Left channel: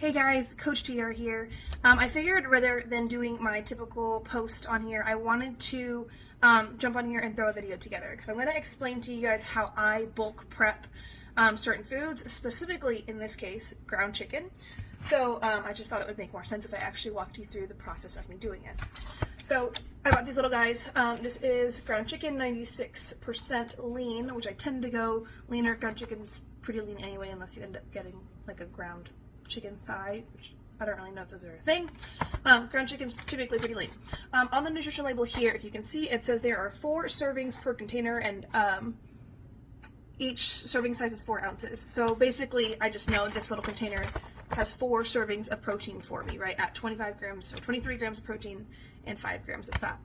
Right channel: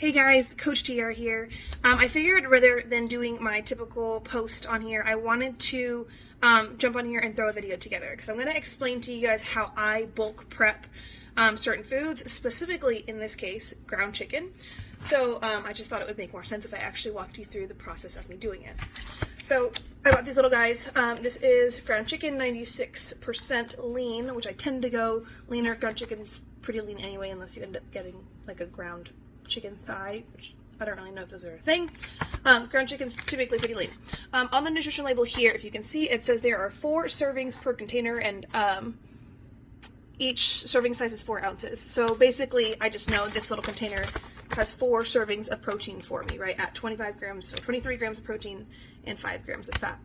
Hey guys, Coach TR here. I figured rather than doing my typical post on here, I wanted to jump on here and throw a video together because I'm going to explain to you guys how I bulk prep certain foods, specifically in this case, ground chicken. So I just thought it would make more sense if I actually walked you through the process of me doing it. So I got these little guys. This is ground chicken, 96% lean, which I tend to go leaner. Ground chicken's pretty lean anyway, unless you end up getting like a ground chicken thigh, which I don't really know if those are a thing. Ground chicken's typically pretty lean. On the nutrition label here, if you can see, it says there are 4 servings per container, and each serving size is 4 ounces. So basically, I just know this little container has 4 servings of protein for me, right, at 25 grams or 23 grams of protein and 5 grams of fat.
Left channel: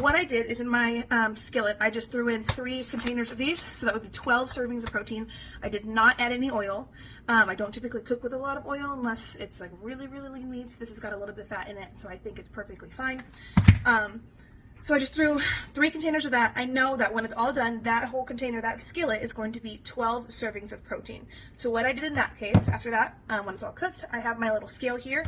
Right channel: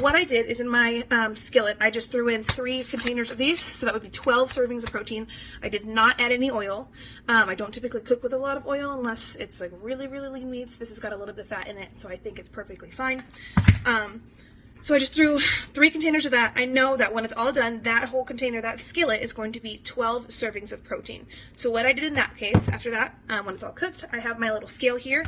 What I did is in my skillet, I just threw in 3 containers of these, so that would be 12 servings of protein. I did not add any oil. I don't typically cook with a lot of oil unless it's like really, really lean meats. This has got a little bit of fat in it, so I think it's perfectly fine. So I just threw 3 containers of that. I know that when it's all done, that whole container, that skillet, is going to be 12 servings of protein. So what I did in that case, after that, when it's all cooked, I have my little scale here.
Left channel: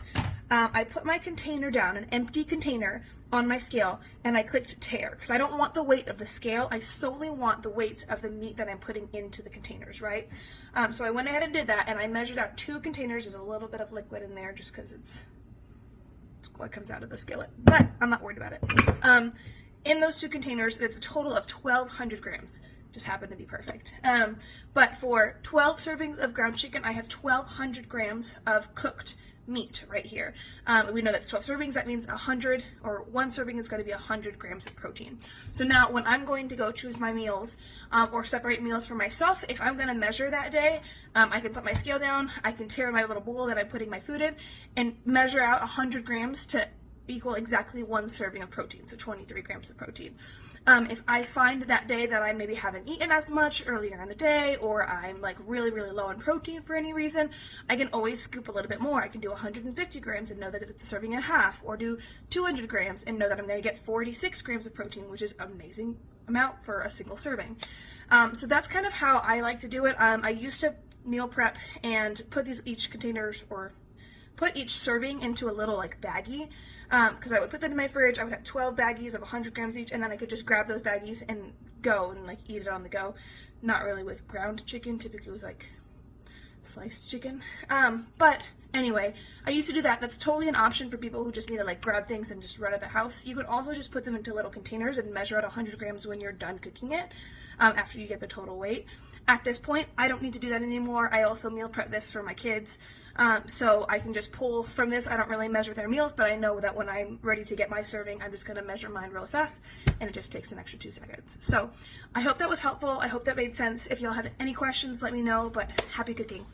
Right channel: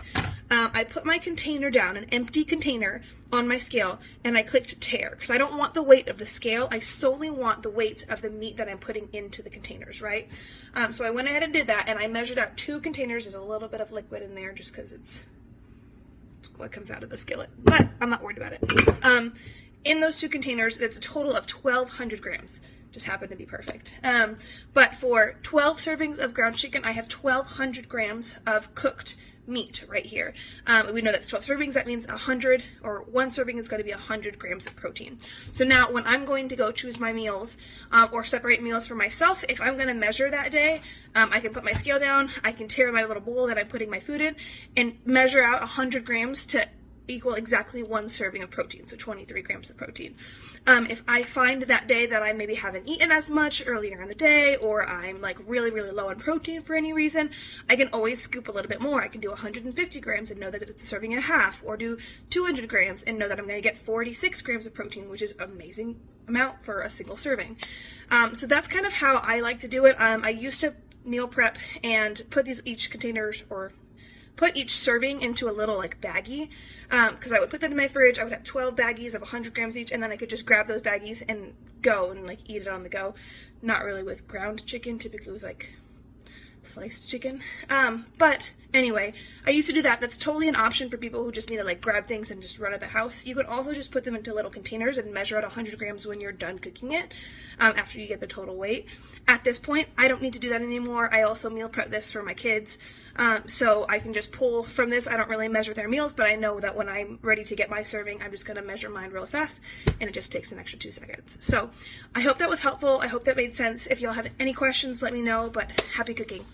I put my container down, an empty container, on my scale, and I clicked tare, because I don't want the weight of the scale. I solely want the weight of the meat that I'm putting into the containers, right? So I went ahead and did that, and I measured out 2 containers. There's a little bit of liquid in there just because it's what comes out of the skillet, but I'm not worried about it. In those 2 containers, it's a total of 1,200 grams. Just happened to be perfect. But for 12 servings of ground chicken, I have 1,200 grams of cooked meat right here. We know that's 12 servings. That means 100, or 1 serving is going to be 100 grams of protein. So now when I'm going to go choose my meals or separate meals for myself, if I'm going to measure that day, I can put my scale down, I can tear my little bowl that I'm putting my food in, and measure out 100 grams to equal exactly 1 serving of protein, so 23 grams of protein. If I find that day that I maybe haven't eaten as much earlier in the day, or I'm like really, really low on protein for any reason, I can always scoop a little bit more. I can do 150 grams and know that it's a serving and a half, or do 200 grams and know that I'm going to get 46 grams of protein, which is an amazing amount for a single serving. So that's kind of how I like to do it. I used to meal prep and put each serving into a little like baggie, because I would put that in my fridge. I would have 12 baggies of 100 grams each, and then I could just grab those baggies and go and like eat it on the go. Not really with ground chicken, typically with like sliced chicken. But anyway, I used to do that. That's totally an option for people who just need to like grab things and just run out of the house. You could also just put them into little containers and measure out 100 grams when you're done cooking it, after you get the total weight. At this point, I don't need to do that anymore. I also meal prep this for my kids, so I can just pull from this. I don't really measure their meals, but I know that when I'm ready to get my serving, I'm just going to measure mine really fast, and it just takes an extra 2 seconds. So I hope that was helpful. I hope that made sense. If y'all have any questions, let me know, but happy cooking.